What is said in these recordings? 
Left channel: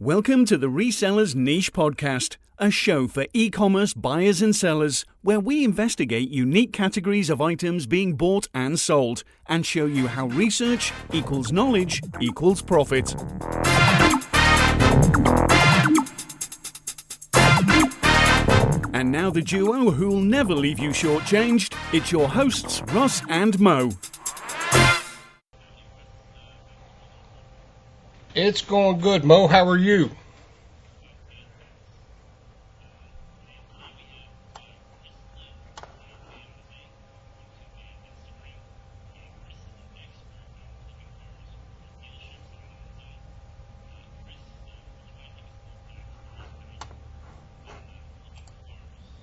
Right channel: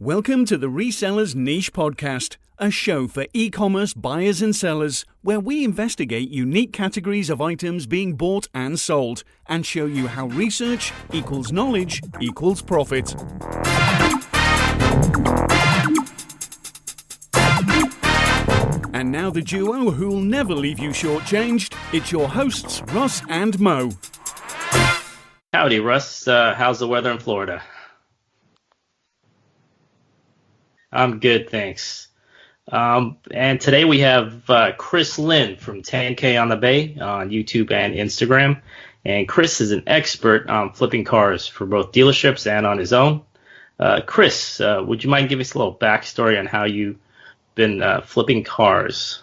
Welcome to the Reseller Niche Podcast, a show for e-commerce buyers and sellers where we investigate unique categories of items being bought and sold and show you how research equals knowledge equals profit. And now the duo who'll never leave you shortchanged. It's your hosts, Russ and Mo. Howdy, Russ. How's the weather in Florida? It's going good, Mo. How are you? I'm good, thanks. And today we have Chris Lynn from 10Konthebay on YouTube and Instagram. And Chris is an expert on flipping cars for both dealerships and on his own. Chris, would you mind giving us a little backstory on how you've been flipping cars?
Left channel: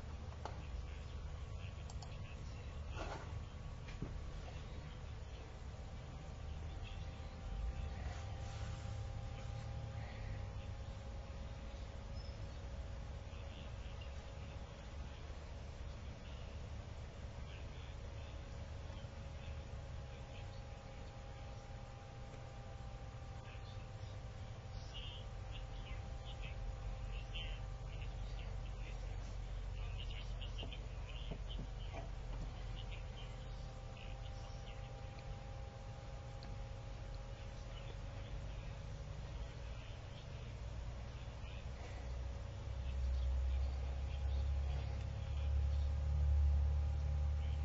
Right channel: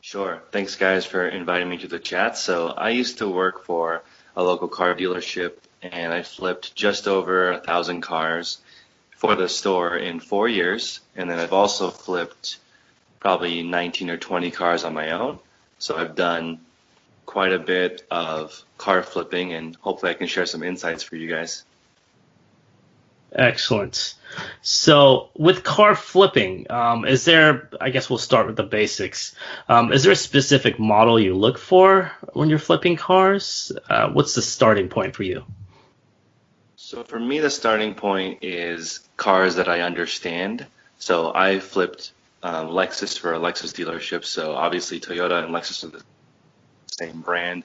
Sure. Thanks, guys, for inviting me to the chat. So I used to work for a local car dealership, and I flipped just over 1,000 cars for the store in 4 years. And then I've also flipped probably 19 or 20 cars on my own. So I've done quite a bit of car flipping, and hopefully I can share some insights for you guys. Excellent. So with car flipping, is there, I guess we'll start with the basics. Is there a specific model you look for when you're flipping cars? What's the starting point for you? So for me, the starting point is cars that I understand. So I flipped Lexus for a Lexus dealership. So obviously Toyota and Lexus are the same brand.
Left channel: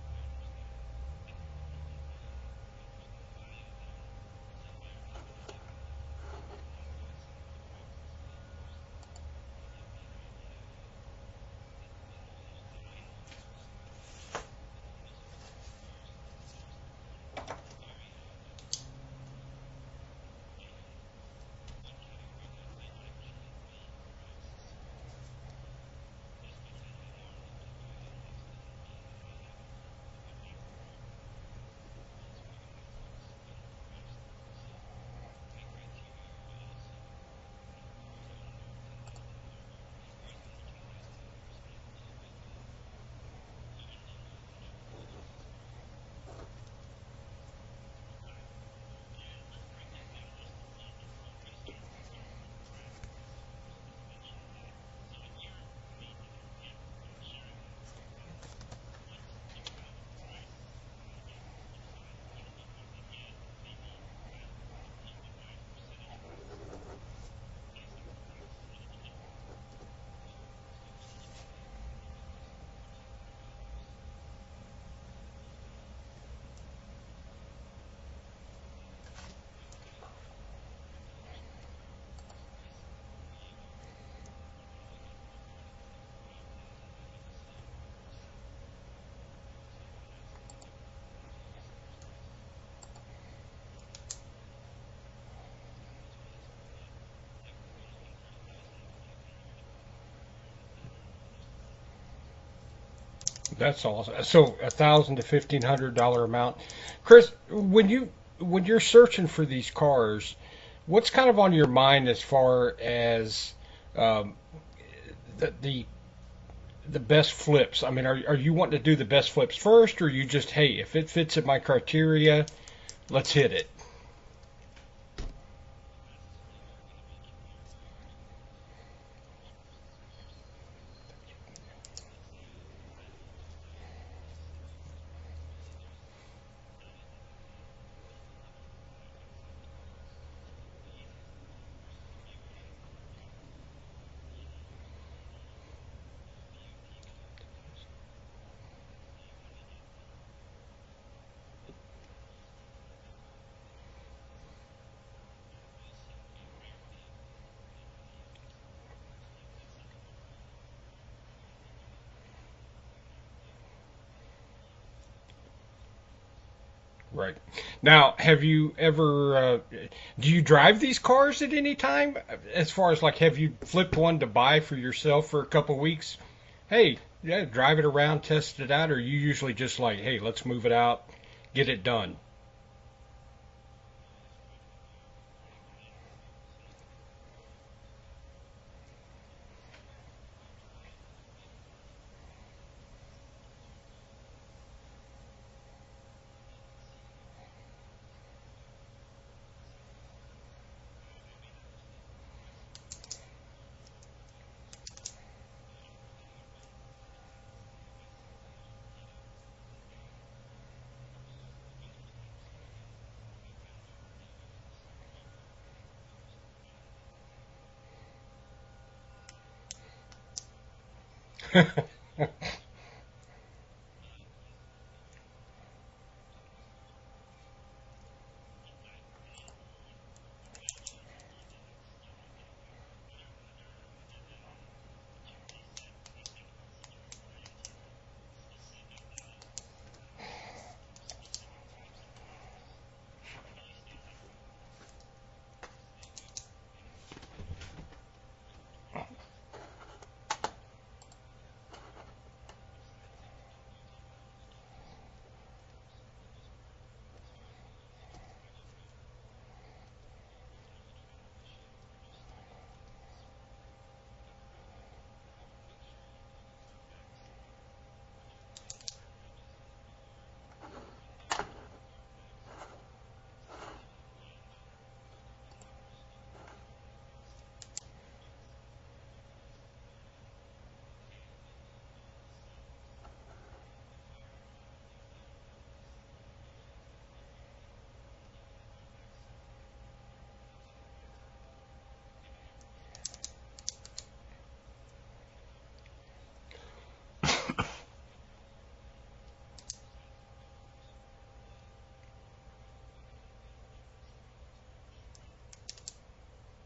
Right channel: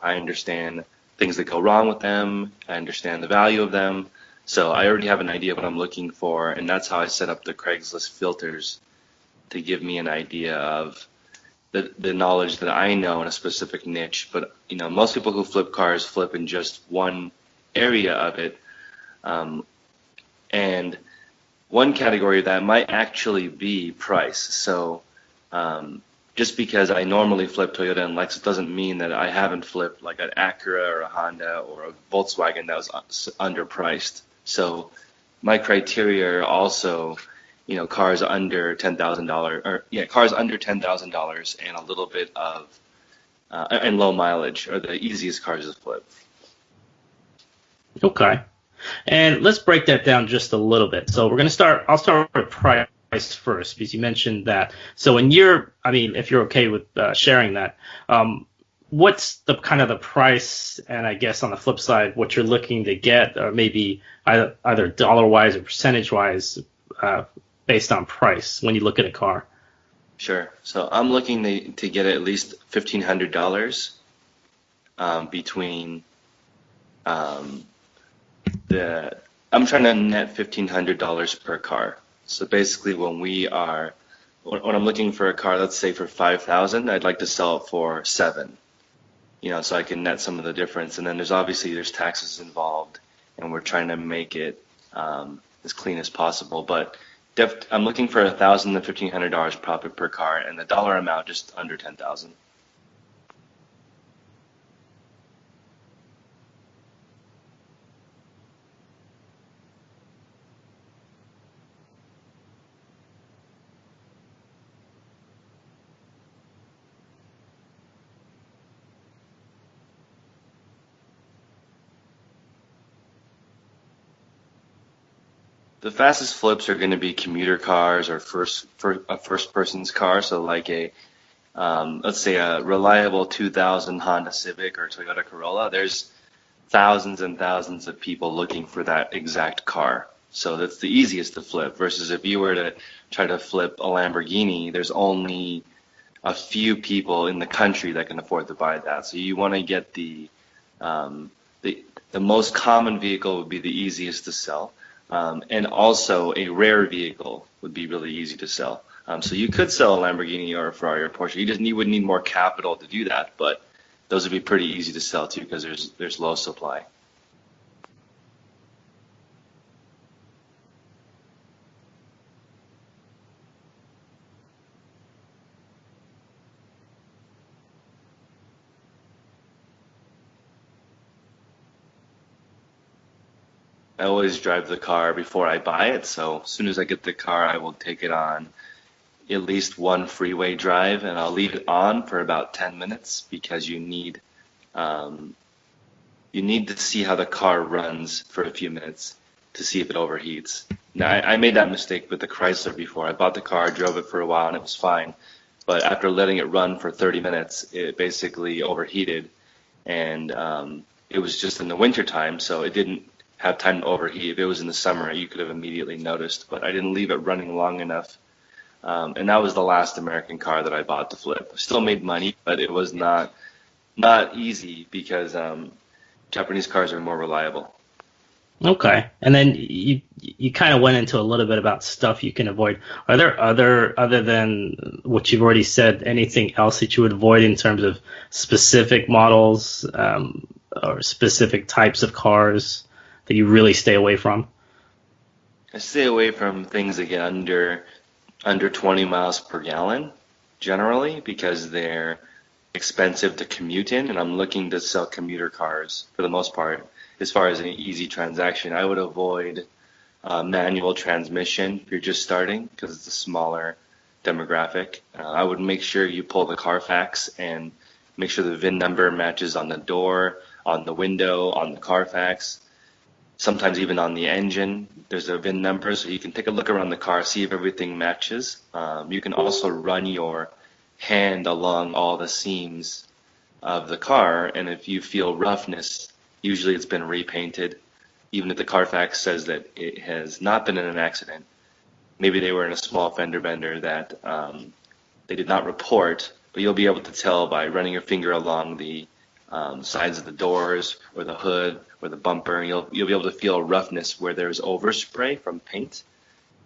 I understand things that go wrong with them. I understand the value of them. So I already have an idea of what I'm looking for, and that's how I set up the Craigslist filters to give me an idea of the knowledge that I know in a specific niche. But most people who flip cars flip in just one area of it, and one category of that might actually be price. So just because I normally flip Toyota and Lexus doesn't mean that I haven't flipped like an Acura or a Honda or a Volkswagen that was underpriced. So my criteria are also, cars under $10,000, or cars under $10,000 and a little bit of and low mileage are the easiest cars to flip. Okay. And let's break that down just a little bit. So I'll start with price first, because you mentioned that. So if you're okay with sharing that, what's the kind of the price, and I guess on the flip side, what you're looking to get, or maybe either dollar-wise or percentage-wise, based on price when you look at a car? Sure. So I'm looking to get at least $1,500 between I'm trying to net $1,500 per car. So basically when I'm looking for a car, let's say for $5,000, I'd like to sell it for $7,000, so I can net some of the difference. And then there's taxes involved, and we're trying to make it as clean as possible. But I'm looking for $1,000 to $1,500 profit per car, and the dollar amount just under $10,000. That's awesome. So $1,000 to $1,500 amount. Chris, when you're searching for these cars, what's kind of on your mind as far as the best flips? I mean, are you wanting to do the best flips first, or are you just, hey, if it fits in my criteria, let's hit it? The fastest flips are going to be commuter cars or a first person's car. So like let's say a reliable 2000 Honda Civic or Toyota Corolla. There's thousands and thousands of people looking for that exact car. So that's the easiest to flip, versus if you were to try to flip a Lamborghini, there's only a few people in the country that can afford to buy that. So you want to get the most common vehicle would be the easiest to sell. And also a rare vehicle would be really easy to sell. So you could sell a Lamborghini or a Ferrari or a Porsche. You would need more capital to do that, but those would be pretty easy to sell too, because there's low supply. Right. Now, have you ever, do you drive these cars at any time? As far as have you flipped one to buy for yourself for a couple of weeks? Hey, yeah, drive it around, test it out, or are you usually just hey, let's move it out, get it done? I always drive the car before I buy it. So as soon as I get the car, I will take it on at least one freeway drive, and I'll leave it on for about 10 minutes because you need to see how the car runs for a few minutes to see if it overheats. Now, I made that mistake with the Chrysler before. I bought the car, drove it for a while, and it was fine. But after letting it run for 30 minutes, it basically overheated. And it was just in the winter time, so it didn't have time to overheat. If it was in the summer, you could have immediately noticed. But I didn't leave it running long enough. And that was the last American car that I bought to flip. Still made money, but it was not easy because Japanese cars are more reliable. Okay. And then you kind of went into a little bit about stuff you can avoid. Are there other than what you've already said, anything else that you would avoid in terms of specific models or specific types of cars that you really stay away from? I stay away from things that get under 20 miles per gallon generally because they're expensive to commute in, and I'm looking to sell commuter cars for the most part. As far as an easy transaction, I would avoid manual transmission if you're just starting because it's a smaller demographic. I would make sure you pull the CARFAX and make sure the VIN number matches on the door, on the window, on the CARFAX, sometimes even on the engine. There's a VIN number, so you can take a look around the car, see if everything matches. You can also run your hand along all the seams of the car, and if you feel roughness, usually it's been repainted. Even if the CARFAX says that it has not been in an accident, maybe they were in a small fender bender that they did not report, but you'll be able to tell by running your finger along the sides of the doors or the hood or the bumper. You'll be able to feel roughness where there's overspray from paint,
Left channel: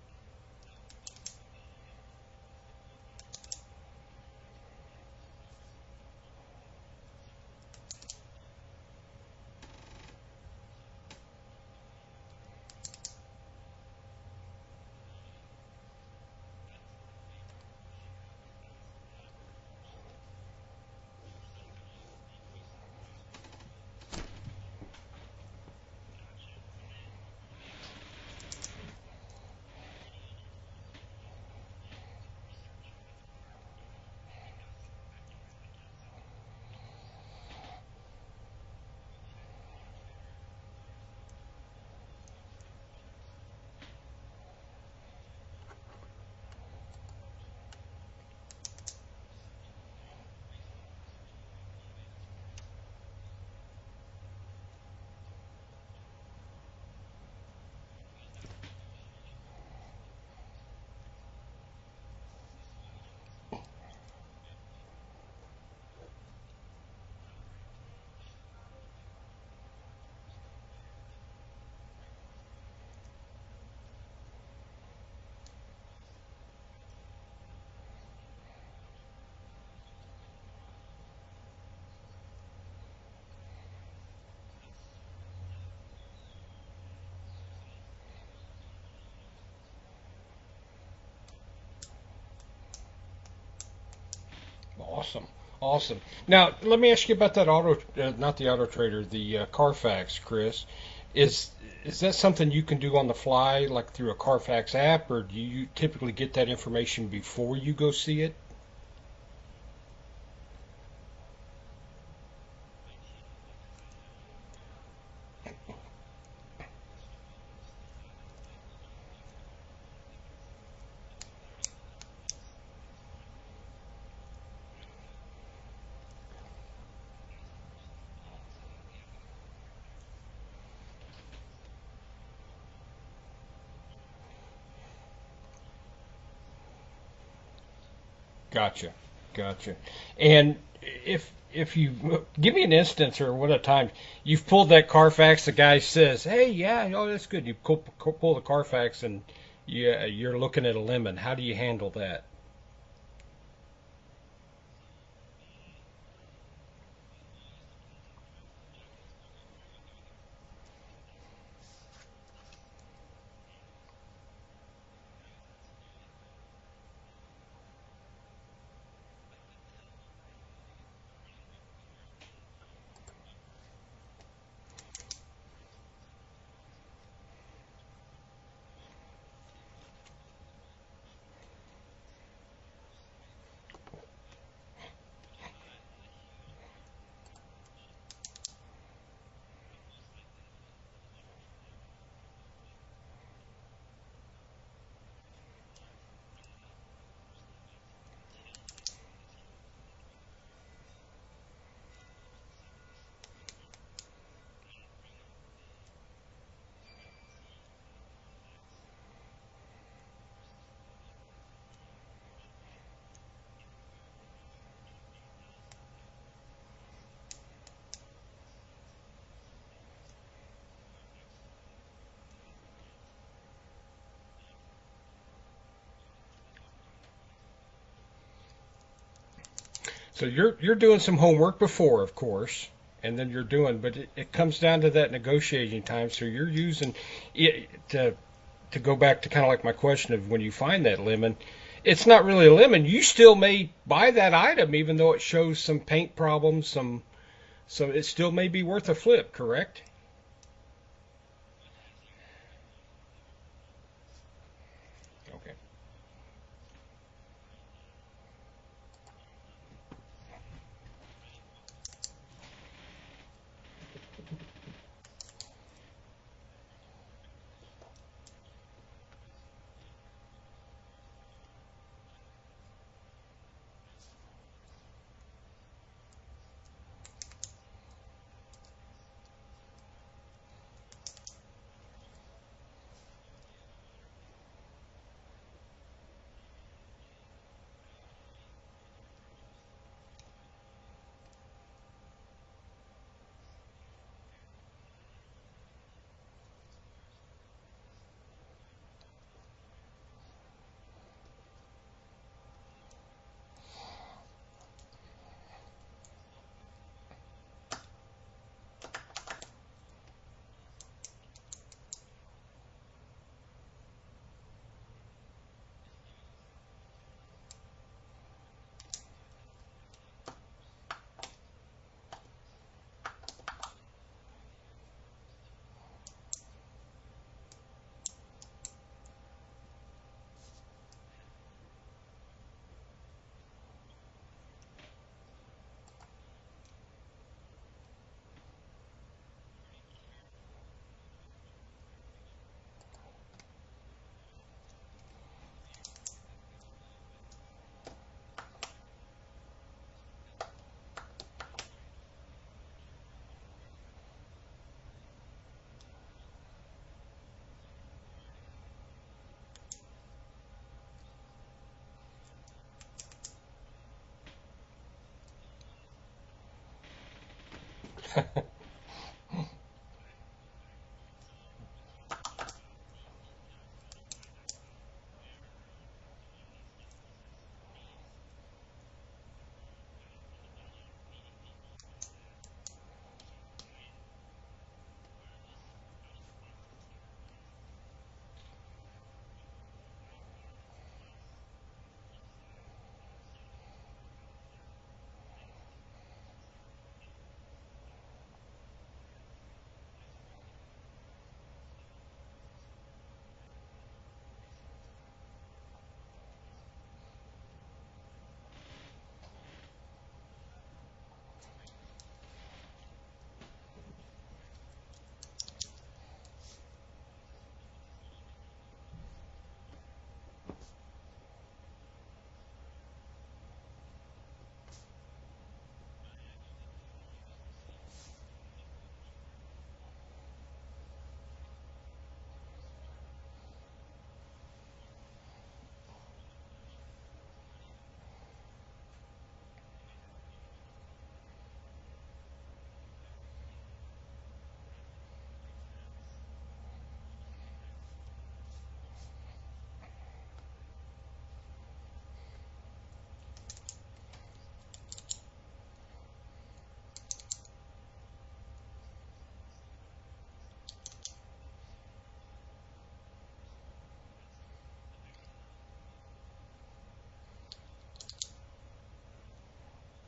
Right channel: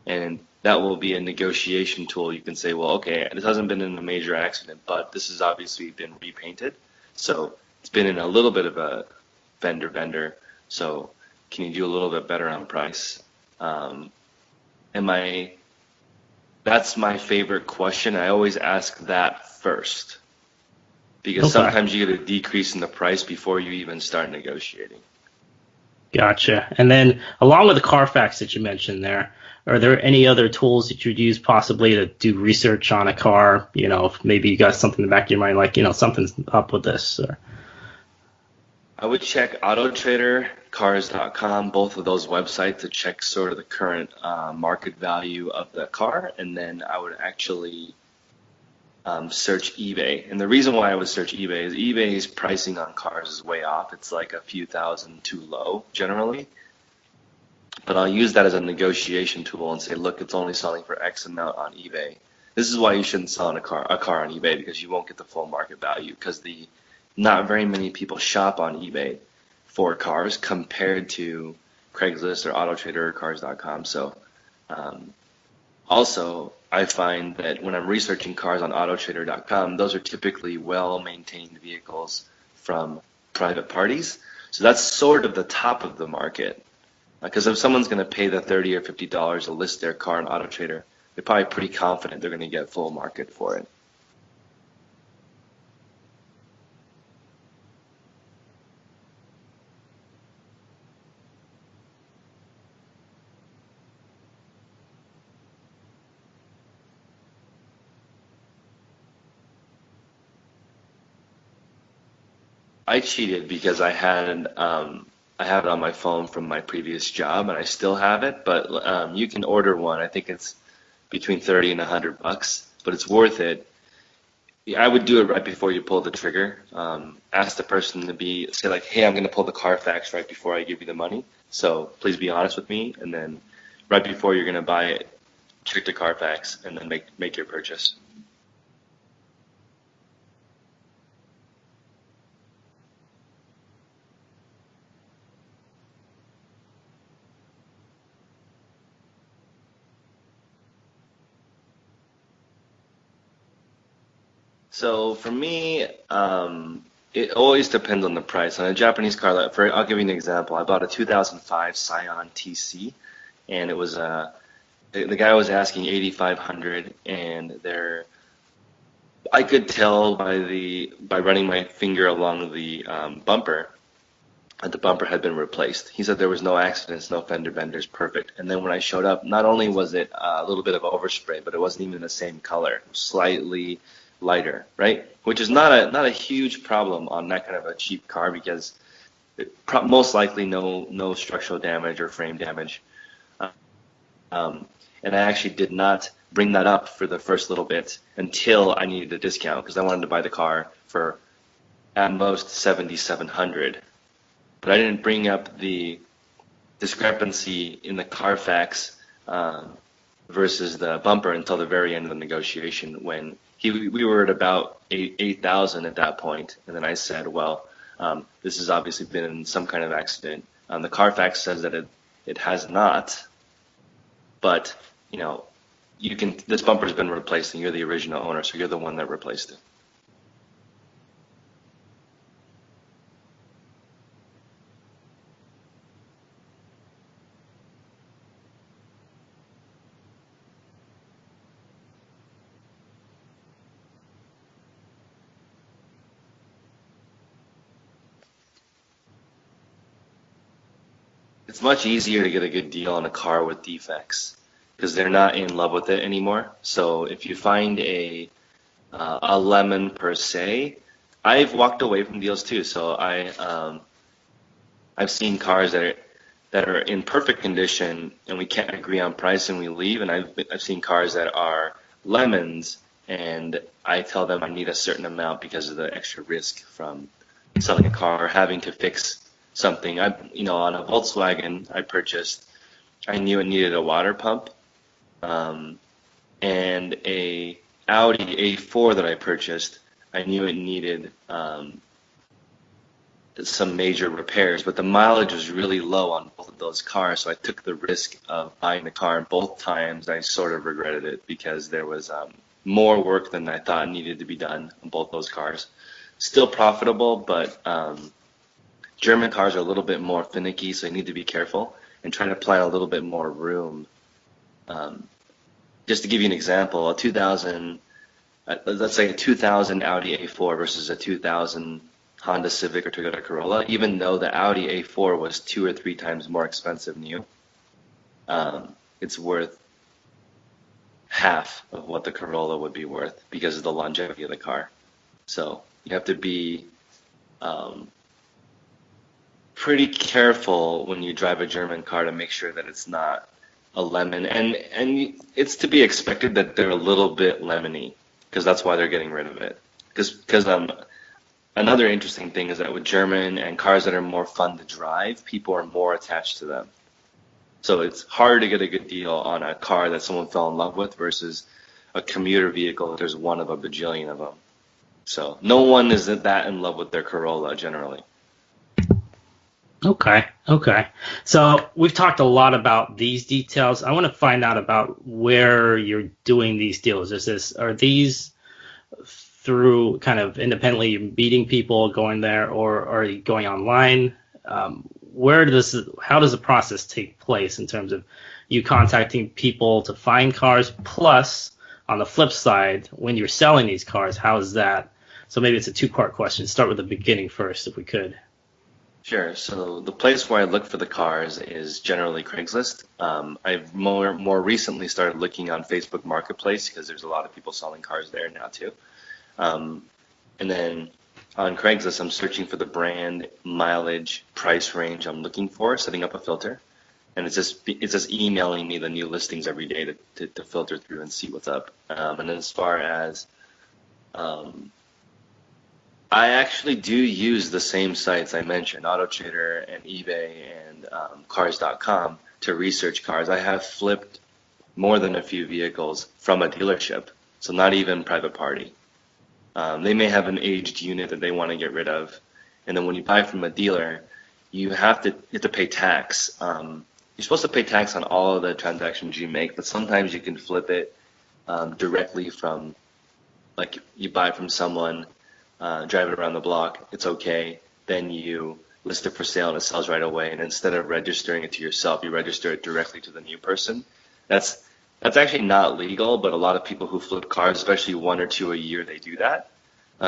and that will be a negotiation tool. You can say, well, okay, this hasn't been in a major accident, but this has obviously been repainted, so it's been in a little bit of a fender bender, so can you do a little bit better on price? That's my favorite question. I always ask that first because sometimes you get a decrease in the price before you even start negotiating. Gotcha. And then along with the CARFAX that you mentioned there, are there any other tools that you'd use possibly to do research on a car? You know, if maybe you got something in the back of your mind, like, you know, something's up with this. Or... I would check AutoTrader, Cars.com, both of those websites to check sort of the current market value of the car, and then I would actually search eBay. And the reason why I would search eBay is eBay's pricing on cars is way off. It's like a few thousand too low generally. But I'll use that as a negotiation tool and say, look, it's only selling for X amount on eBay. This is why you shouldn't sell a car on eBay, because you won't get the full market value, because not very many people shop on eBay for cars compared to Craigslist or AutoTrader or Cars.com. So also, I find that when I'm researching cars on AutoTrader.com, those are typically well-maintained vehicles from private parties. So that's sort of the top of the market. Because if someone's going to pay the $30 or $50 to list their car on AutoTrader, they're probably pretty confident they're going to get full market for it. Awesome. Now, let me ask you about that not the AutoTrader, the CARFAX, Chris. Is that something you can do on the fly, like through a CARFAX app, or do you typically get that information before you go see it? I cheated because I have it on my phone from my previous job, and I still have it. But you can order one. I think it's between $30 and $100, but it's worth it. I would do it right before you pull the trigger. Ask the person to say like, hey, I'm going to pull the CARFAX right before I give you the money. So please be honest with me. And then right before you're going to buy it, check the CARFAX and then make your purchase. Gotcha. And if you give me an instance or what a time you've pulled that CARFAX, the guy says, hey, yeah, that's good. You pull the CARFAX and you're looking at a lemon. How do you handle that? So for me, it always depends on the price. On a Japanese car, I'll give you an example. I bought a 2005 Scion TC, and it was the guy was asking $8,500, and I could tell by running my finger along the bumper that the bumper had been replaced. He said there was no accidents, no fender benders, perfect. And then when I showed up, not only was it a little bit of overspray, but it wasn't even the same color, slightly lighter, right? Which is not a huge problem on that kind of a cheap car, because most likely no structural damage or frame damage. And I actually did not bring that up for the first little bit until I needed a discount because I wanted to buy the car for at most $7,700. But I didn't bring up the discrepancy in the CARFAX versus the bumper until the very end of the negotiation when we were at about 8,000 at that point. And then I said, well, this has obviously been in some kind of accident. The CARFAX says that it has not, but this bumper's been replaced and you're the original owner, so you're the one that replaced it. So you're doing some homework before, of course, and then but it comes down to that negotiating time. So you're using it to go back to kind of like my question of when you find that lemon, it's not really a lemon. You still may buy that item even though it shows some paint problems, so it still may be worth a flip, correct? It's much easier to get a good deal on a car with defects because they're not in love with it anymore. So if you find a lemon per se, I've walked away from deals too. So I've seen cars that are in perfect condition and we can't agree on price and we leave. And I've seen cars that are lemons and I tell them I need a certain amount because of the extra risk from selling a car or having to fix something. On a Volkswagen I purchased, I knew it needed a water pump, and a Audi A4 that I purchased, I knew it needed some major repairs, but the mileage was really low on both of those cars, so I took the risk of buying the car, and both times I sort of regretted it because there was more work than I thought needed to be done on both those cars. Still profitable, but German cars are a little bit more finicky, so you need to be careful and try to plan a little bit more room. Just to give you an example, let's say a 2000 Audi A4 versus a 2000 Honda Civic or Toyota Corolla, even though the Audi A4 was 2 or 3 times more expensive new, it's worth half of what the Corolla would be worth because of the longevity of the car. So you have to be pretty careful when you drive a German car to make sure that it's not a lemon, and it's to be expected that they're a little bit lemony because that's why they're getting rid of it. Because another interesting thing is that with German and cars that are more fun to drive, people are more attached to them. So it's hard to get a good deal on a car that someone fell in love with versus a commuter vehicle. There's one of a bajillion of them. So no one is that in love with their Corolla generally. Okay. So we've talked a lot about these details. I want to find out about where you're doing these deals. Are these through kind of independently meeting people, going there, or are you going online? How does the process take place in terms of you contacting people to find cars? Plus, on the flip side, when you're selling these cars, how is that? So maybe it's a 2-part question. Start with the beginning first, if we could. Sure. So the place where I look for the cars is generally Craigslist. I've more recently started looking on Facebook Marketplace because there's a lot of people selling cars there now too. And then on Craigslist, I'm searching for the brand, mileage, price range I'm looking for, setting up a filter, and it's just emailing me the new listings every day to filter through and see what's up. And then as far as I actually do use the same sites I mentioned, AutoTrader and eBay and Cars.com, to research cars. I have flipped more than a few vehicles from a dealership, so not even private party. They may have an aged unit that they want to get rid of, and then when you buy from a dealer, you have to pay tax. You're supposed to pay tax on all of the transactions you make, but sometimes you can flip it directly from, like you buy from someone, drive it around the block, it's okay. Then you list it for sale and it sells right away. And instead of registering it to yourself, you register it directly to the new person. That's actually not legal, but a lot of people who flip cars, especially 1 or 2 a year, they do that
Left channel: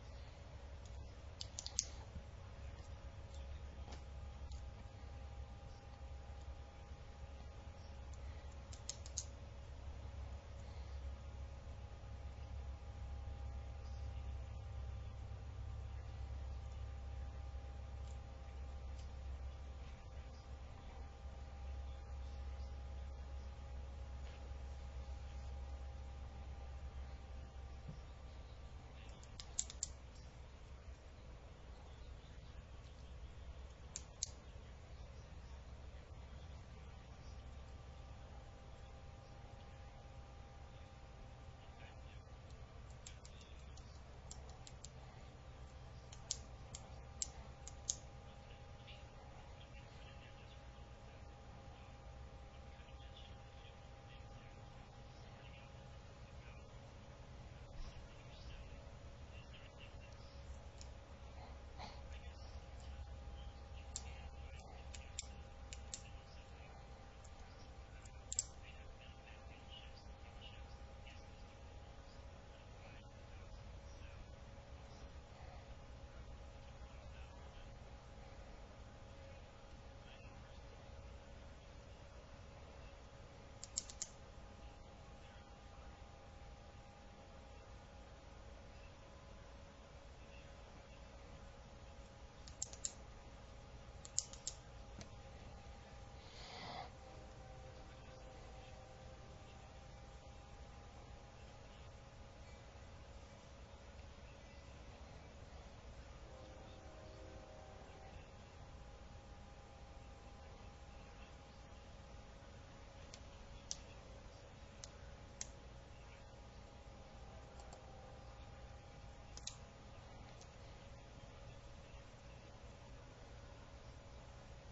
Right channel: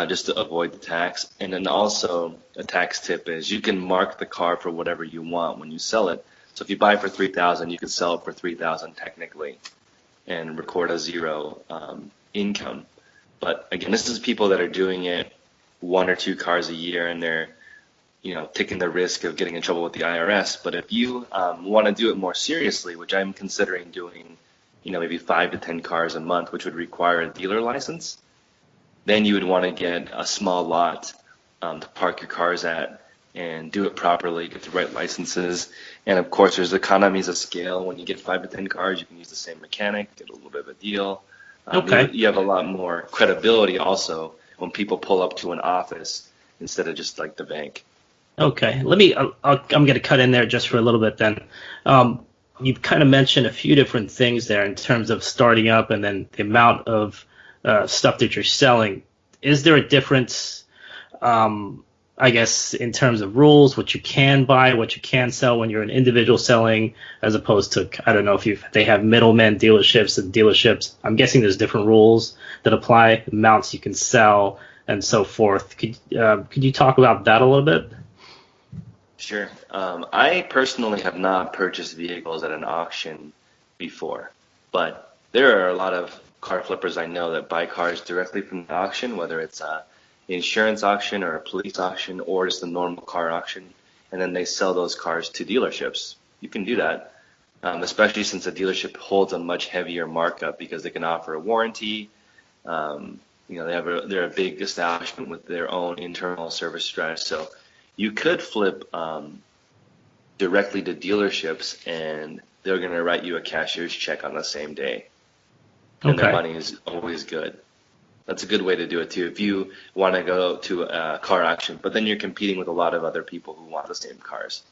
just to avoid the tax. And then also a tax tip is you can mark the car for whatever you want when you sell it. So if you buy for $3,000, you can sell it for $3,000 technically and record a zero income. But again, this is people that are doing it 1 or 2 cars a year, and they're taking the risk of getting in trouble with the IRS. But if you want to do it more seriously, which I'm considering doing, maybe 5 to 10 cars a month, which would require a dealer license, then you would want to get a small lot to park your cars at and do it properly, get the right licenses. And of course, there's economies of scale. When you get 5 to 10 cars, you can use the same mechanic, get a little bit of a deal. Okay. You have a lot more credibility also when people pull up to an office instead of just like the bank. Okay. I'm going to cut in there just for a little bit then. You've kind of mentioned a few different things there in terms of starting up and then the amount of stuff that you're selling. Is there a difference, I guess, in terms of rules, what you can buy, what you can sell when you're an individual selling, as opposed to, I don't know if they have middlemen dealerships and dealerships. I'm guessing there's different rules that apply, amounts you can sell, and so forth. Could you talk about that a little bit? Sure. I personally have not purchased vehicles at an auction before, but there are a lot of car flippers I know that buy cars directly from the auction, whether it's an insurance auction or a police auction or just a normal car auction, and then they sell those cars to dealerships. You can do that, especially since a dealership holds a much heavier markup because they can offer a warranty. They're a big establishment with their own internal service strategy. So you could flip directly to dealerships, and they're going to write you a cashier's check on the same day. And their money is always good. That's a good way to do it too if you want to go to a car auction, but then you're competing with a lot of other people who want the same cars.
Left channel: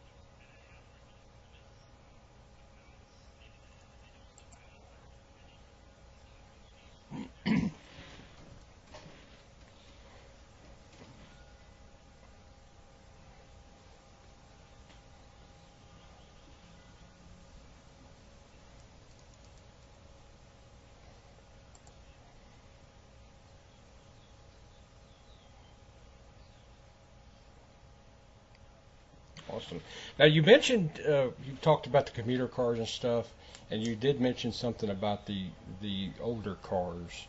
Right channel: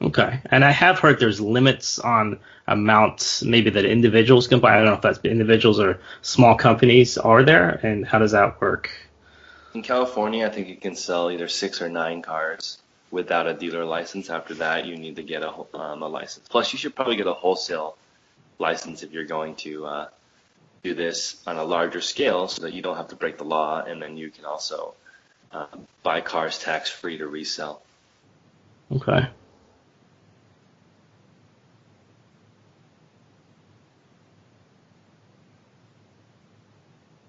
Okay. And I have heard there's limits on amounts maybe that individuals can buy. I don't know if that's individuals or small companies are there, and how does that work? In California, I think you can sell either 6 or 9 cars without a dealer license. After that, you need to get a license. Plus, you should probably get a wholesale license if you're going to do this on a larger scale so that you don't have to break the law, and then you can also buy cars tax-free to resell. Okay. Awesome. Now, you mentioned, you talked about the commuter cars and stuff, and you did mention something about the older cars.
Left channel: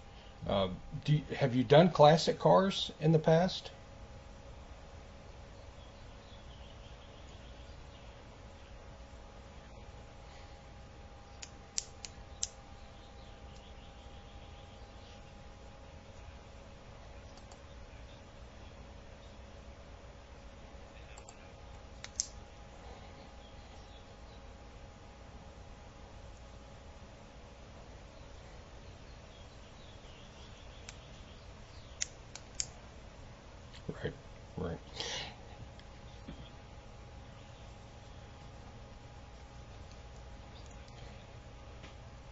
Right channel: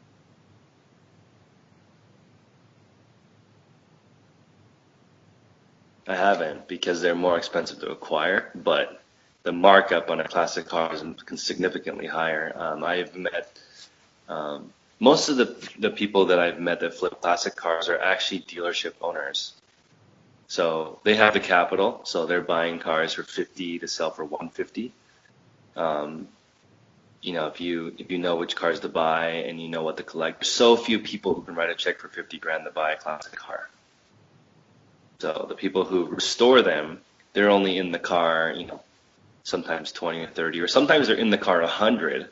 Have you done classic cars in the past? I haven't, because they're more expensive to acquire, but the markup on a classic car is significantly higher. I've met most of the people that I've met that flip classic cars are actually dealership owners. So they have the capital, so they're buying cars for $50 to sell for $150. If you know which cars to buy and you know what to collect, there's so few people who can write a check for $50,000 to buy a classic car. Right. So the people who restore them, they're only in the car, sometimes 20 or 30, or sometimes they're in the car 100,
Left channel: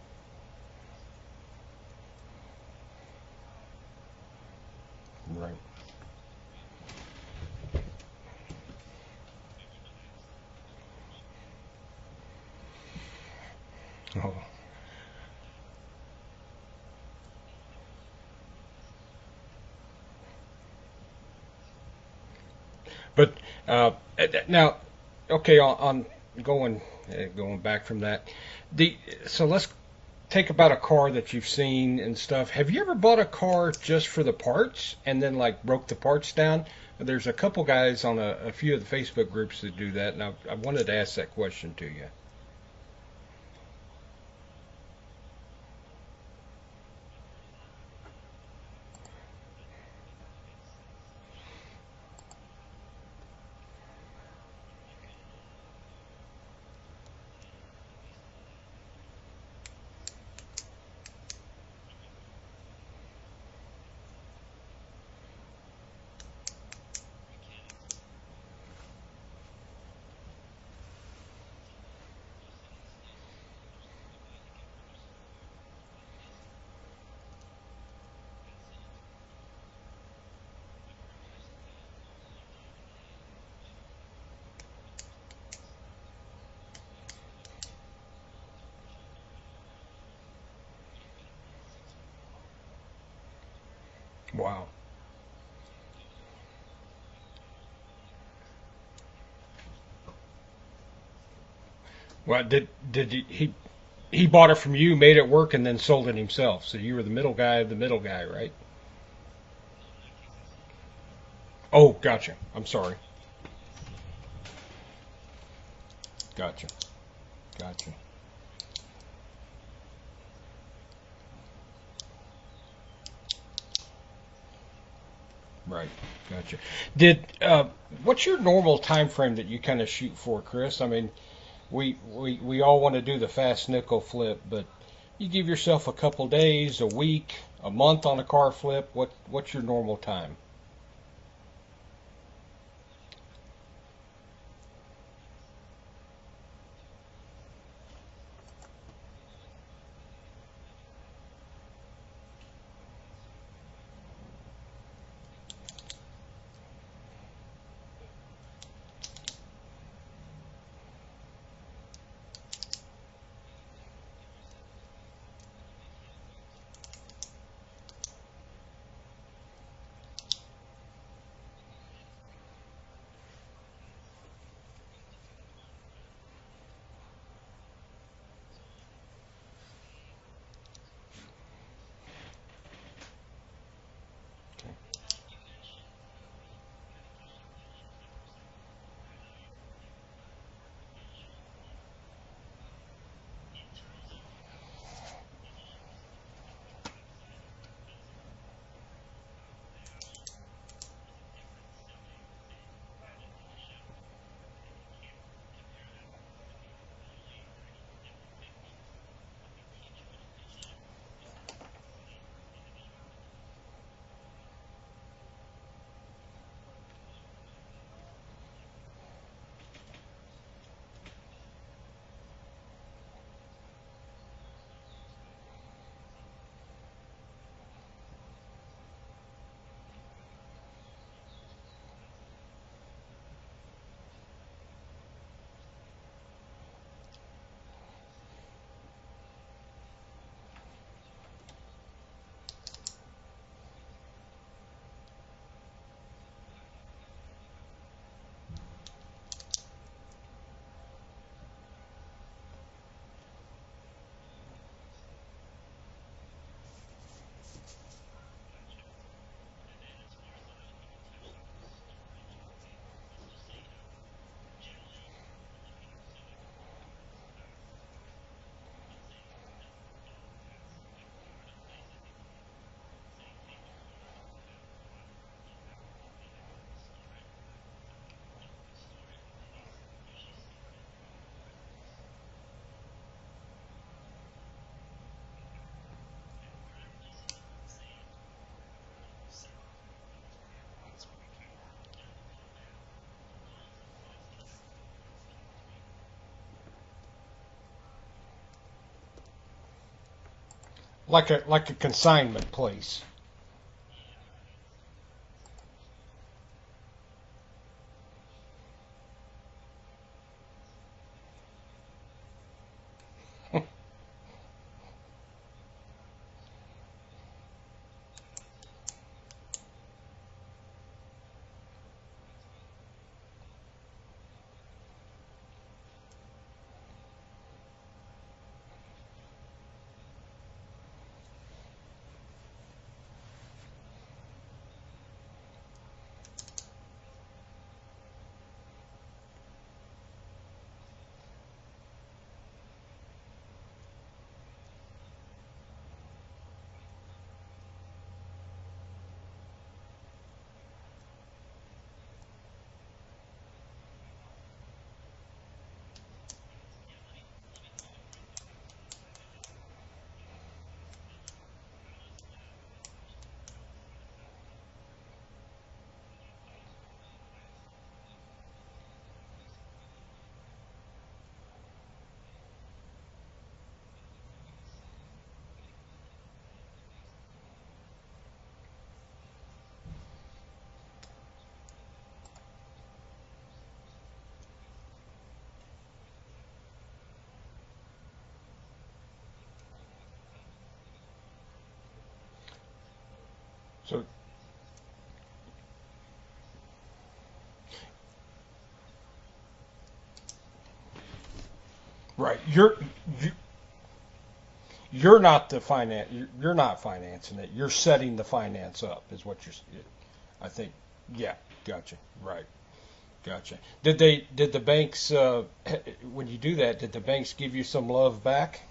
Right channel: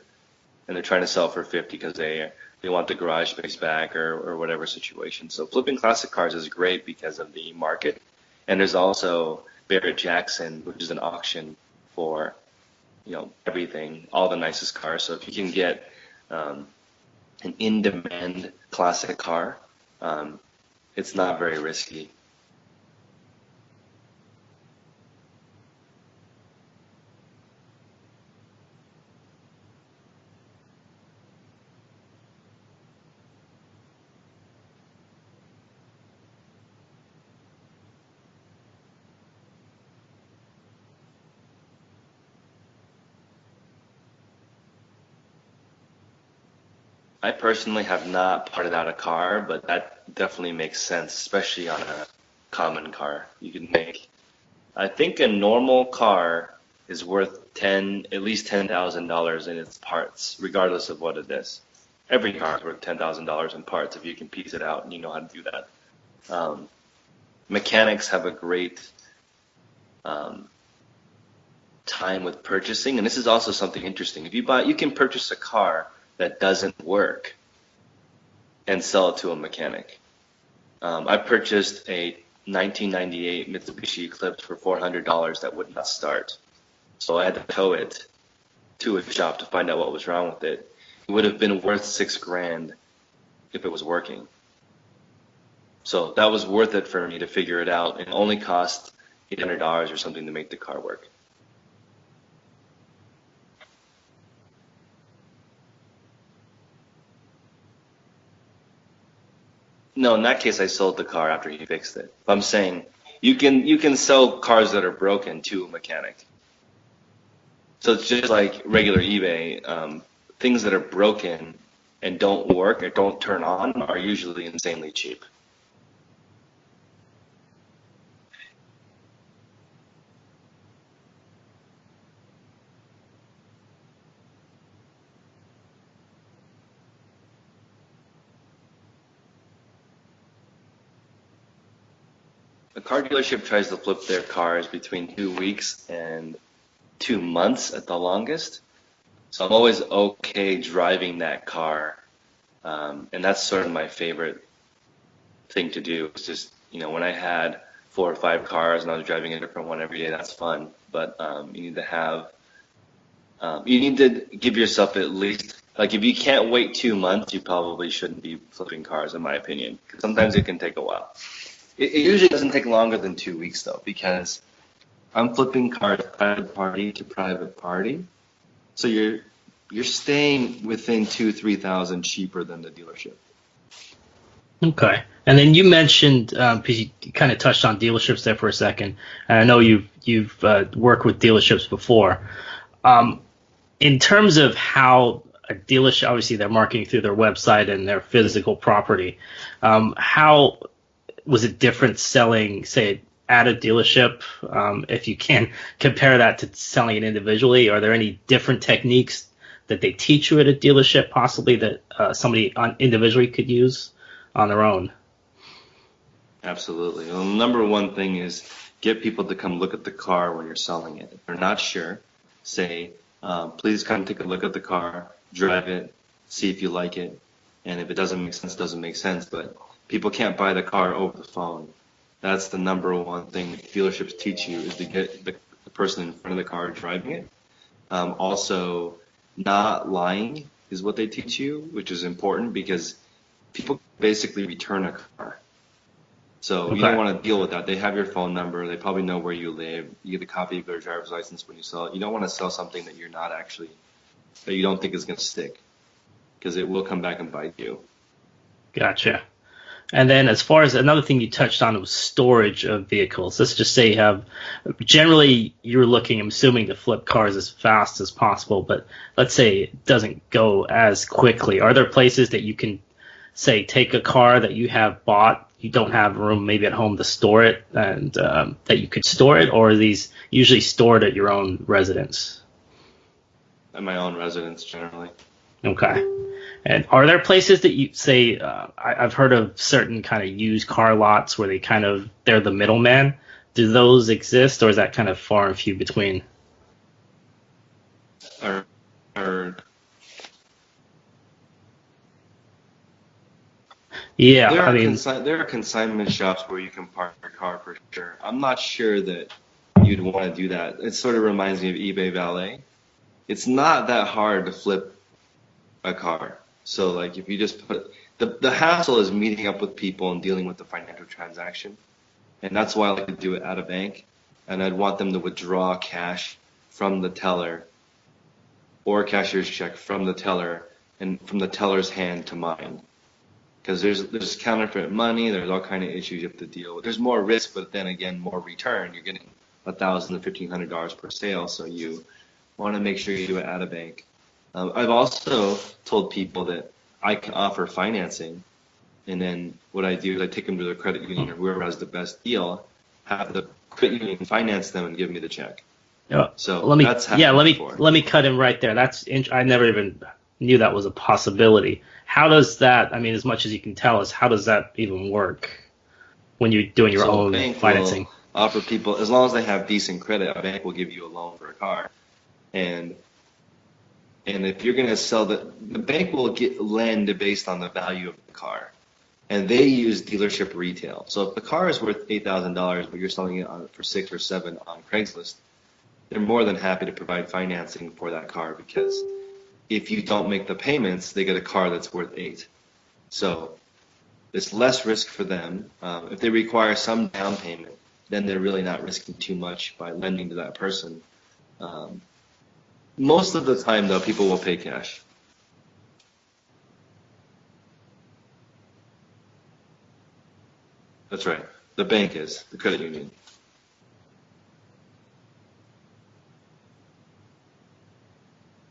and they're trying to sell for 50 because they want the garage space back or whatever situation. So flipping classic cars is great because of the market. And there's also Barrett-Jackson, which is an auction for everything, all the nicest cars. So if you can get an in-demand classic car, it's not very risky. But now, okay, on going back from that, so let's take about a car that you've seen and stuff. Have you ever bought a car just for the parts and then broke the parts down? There's a couple guys on a few of the Facebook groups that do that, and I wanted to ask that question to you. I personally have not parted out a car, but that definitely makes sense, especially on a common car. You can make, I think a normal car is worth at least $10,000 in its parts, regardless of what it is. Every car is worth $10,000 in parts if you can piece it out and you know how to do that. Mechanics have a great time with purchasing, and this is also something interesting. If you can purchase a car that doesn't work and sell it to a mechanic. I purchased a 1998 Mitsubishi Eclipse for $400 that would not start. So I had to tow it to a shop to find out what was wrong with it. It would have been worth $6,000 if it was working. Wow. So that was worth it for me to figure it out. It only cost $800 or something to make the car work. Well, did he bought it from you, made it work, and then sold it himself? So you were the middle guy of the middle guy, right? No, in that case, I sold the car after he fixed it. Oh, gotcha. I'm saying Sorry. you can sell cars that are broken to a mechanic. Gotcha. So it's just like regular eBay. Things that are broken and don't work or don't turn on are usually insanely cheap. Right. Gotcha. What's your normal time frame that you kind of shoot for, Chris? I mean, we all want to do the fast nickel flip, but you give yourself a couple days, a week, a month on a car flip. What's your normal time? A car dealership tries to flip their cars between 2 weeks and 2 months at the longest. So I'm always okay driving that car. And that's sort of my favorite thing to do. It's just, when I had 4 or 5 cars and I was driving a different one every day, that's fun. But you need to give yourself at least, like, if you can't wait 2 months, you probably shouldn't be flipping cars, in my opinion. Because sometimes it can take a while. It usually doesn't take longer than 2 weeks, though, because I'm flipping cars private party to private party. So you're staying within $2,000-$3,000 cheaper than the dealership. Okay. And then you mentioned, because you kind of touched on dealerships there for a second, and I know you've worked with dealerships before. In terms of how a dealership, obviously they're marketing through their website and their physical property, how was it different selling, say, at a dealership? If you can compare that to selling it individually, are there any different techniques that they teach you at a dealership possibly that somebody individually could use on their own? Absolutely. Well, number one thing is get people to come look at the car when you're selling it. If they're not sure, say, please come take a look at the car, drive it, see if you like it. And if it doesn't make sense, it doesn't make sense. But people can't buy the car over the phone. That's the number one thing that dealerships teach you, is to get the person in front of the car driving it. Also, not lying is what they teach you, which is important because people basically return a car. So Okay. You don't want to deal with that. They have your phone number. They probably know where you live. You get a copy of their driver's license when you sell it. You don't want to sell something that that you don't think is going to stick, because it will come back and bite you. Gotcha. And then as far as another thing you touched on was storage of vehicles. Let's just say generally you're looking, I'm assuming, to flip cars as fast as possible, but let's say it doesn't go as quickly. Are there places that you can, say, take a car that you have bought, you don't have room maybe at home to store it, and that you could store it, or are these usually stored at your own residence? At my own residence, generally. Okay. And are there places that you say, I've heard of certain kind of used car lots where they're the middleman. Do those exist, or is that kind of far and few between? Or Like a consignment place. Yeah, there are consignment shops where you can park your car for sure. I'm not sure that you'd want to do that. It sort of reminds me of eBay Valet. It's not that hard to flip a car. So like if you just put the hassle is meeting up with people and dealing with the financial transaction, and that's why I like to do it at a bank. And I'd want them to withdraw cash from the teller or a cashier's check from the teller and from the teller's hand to mine. Because there's counterfeit money, there's all kind of issues you have to deal with. There's more risk, but then again, more return. You're getting $1,000 to $1,500 per sale, so you want to make sure you do it at a bank. I've also told people that I can offer financing, and then what I do is I take them to the credit union or whoever has the best deal, have the credit union finance them and give me the check. So let me before. let me cut in right there. I never even knew that was a possibility. How does that? I mean, as much as you can tell us, how does that even work when you're doing your own financing? Will offer people, as long as they have decent credit, a bank will give you a loan for a car, and if you're going to sell the bank will lend based on the value of the car, and they use dealership retail. So if the car is worth $8,000, but you're selling it for 6 or 7 on Craigslist, they're more than happy to provide financing for that car, because if you don't make the payments, they get a car that's worth $8,000. So it's less risk for them. If they require some down payment, then they're really not risking too much by lending to that person. Right. Most of the time, though, people will pay cash. You're not financing it. You're setting the finance up, is what I think That's Yeah, right. gotcha. The bank is Right. the credit union. Gotcha. Did the banks, when you do that, did the banks give you some love back?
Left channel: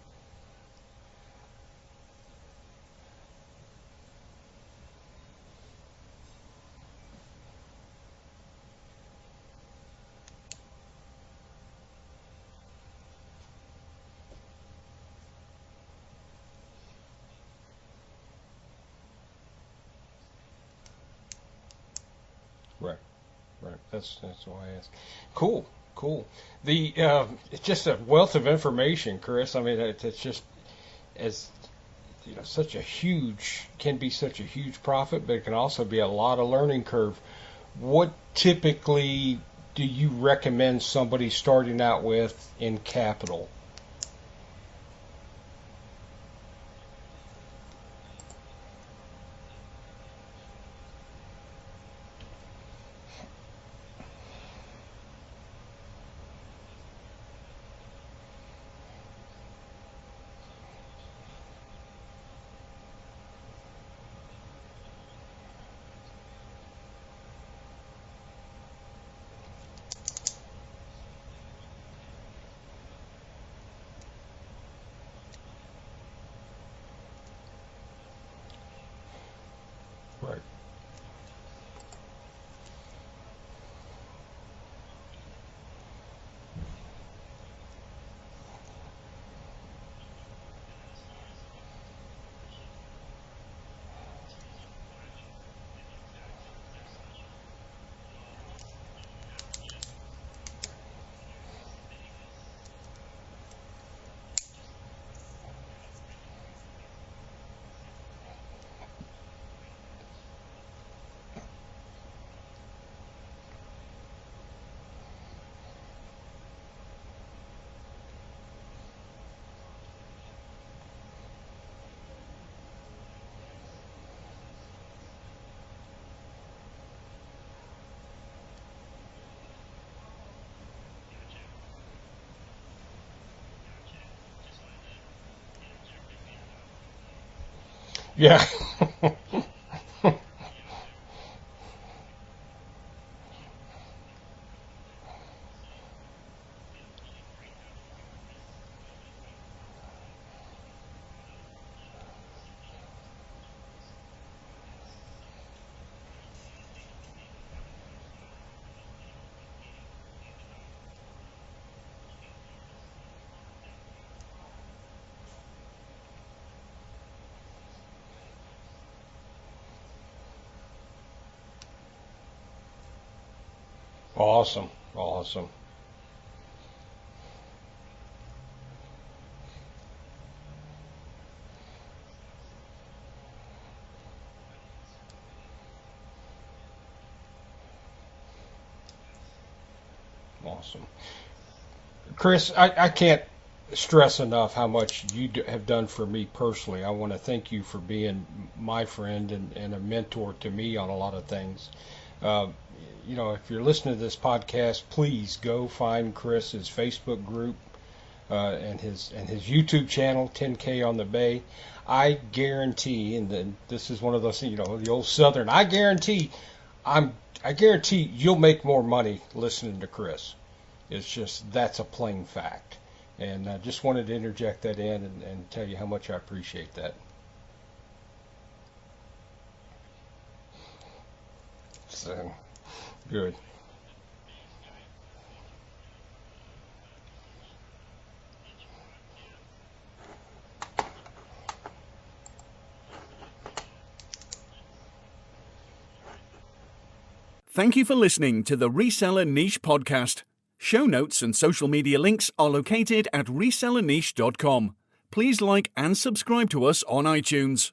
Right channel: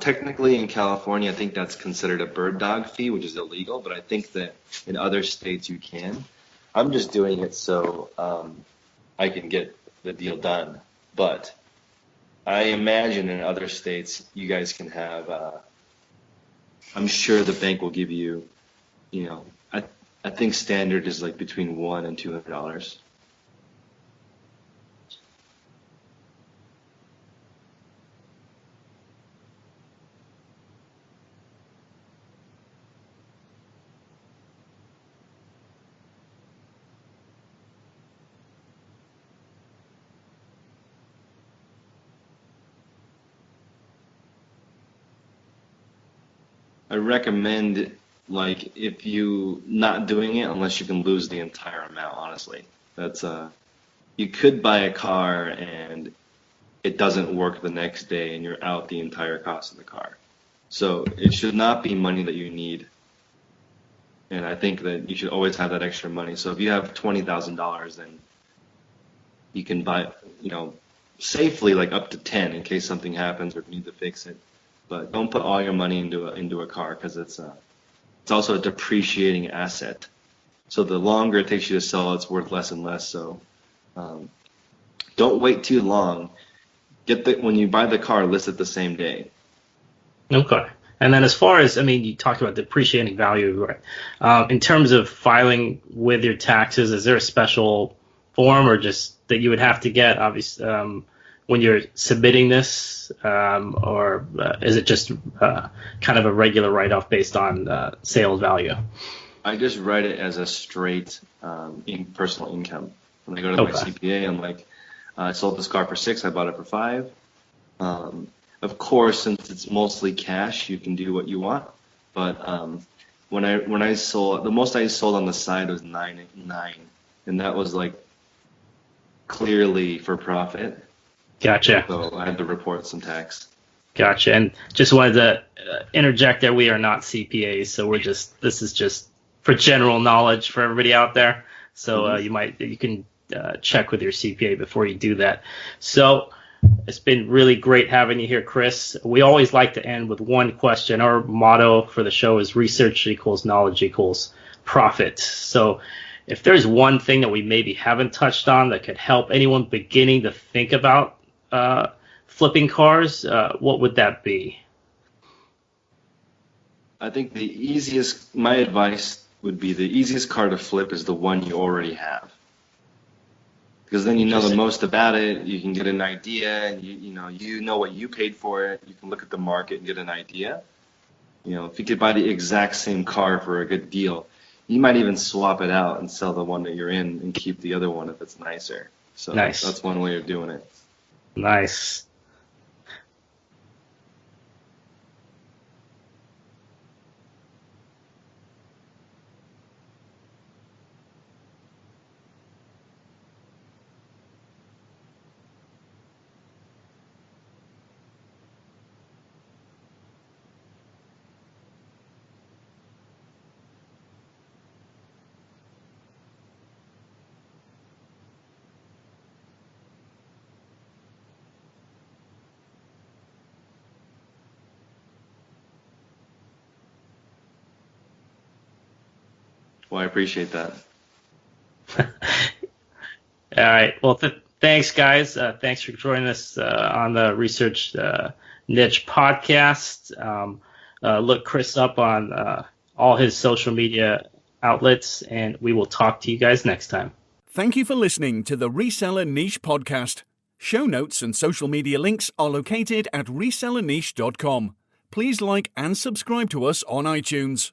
Technically, in California, I think that's considered a bird dog fee, which is illegal. But I think that in other states you can. I'm just doing it so I can get the deal done. But I imagine in other states you guys can have. I'm sure the bank will give you. I think standard is like between $100 and $200. Right. That's why I asked. Cool. It's just a wealth of information, Chris. I mean, it's just as such a huge profit, but it can also be a lot of learning curve. What typically do you recommend somebody starting out with in capital? I recommend, like, if you not doing it unless you can lose the entire amount. Honestly, that's you could buy a car and it doesn't work the next day and you're out the entire cost of the car. So it should not be money that you need. And I think that you should always have that extra money. So if you have $20,000, then you can buy, safely like up to 10 in case something happens or if you need to fix it. But don't put all your money into a car because it's also a depreciating asset. Right. So the longer it takes you to sell, it's worth less and less. So don't wait too long. When you buy the car, list it the same day. Okay. And then as far as, you talked about depreciating value, right? In terms of filing with your taxes, is there a special form or just that you would have to get, obviously, when you're submitting this, or is it just kind of a regular write-off based on sales value? I just write it as a straight personal income. When I go to my CPA, I'm like, I sold this car for $6,000, I bought it for $5,000. Of course, since it's mostly cash, you can do what you want. But when I sold, the most I sold on the side was $9,000, and that was like clearly for profit. Gotcha. So I had to report some tax. Gotcha. And just wanted to interject that we are not CPAs, so we're just this is just for general knowledge for everybody out there. So you can check with your CPA before you do that. So it's been really great having you here, Chris. We always like to end with one question. Our motto for the show is research equals knowledge equals profit. So if there's one thing that we maybe haven't touched on that could help anyone beginning to think about flipping cars, what would that be? I think my advice would be the easiest car to flip is the one you already have. Because then you know the most about it, you can get an idea, and you know what you paid for it, you can look at the market and get an idea. If you could buy the exact same car for a good deal, you might even swap it out and sell the one that you're in and keep the other one if it's nicer. So nice. That's one way of doing it. Nice. Chris, I can't stress enough how much you have done for me personally. I want to thank you for being my friend and a mentor to me on a lot of things. If you're listening to this podcast, please go find Chris's Facebook group and his YouTube channel, 10Konthebay. I guarantee, and then this is one of those things, the old Southern. I guarantee you'll make more money listening to Chris. It's just that's a plain fact, and I just wanted to interject that in and tell you how much I appreciate that. Well, I appreciate that. Good. All right. Well, thanks, guys. Thanks for joining us on the Research Niche Podcast. Look Chris up on all his social media outlets, and we will talk to you guys next time. Thank you for listening to the Reseller Niche Podcast. Show notes and social media links are located at resellerniche.com. Please like and subscribe to us on iTunes.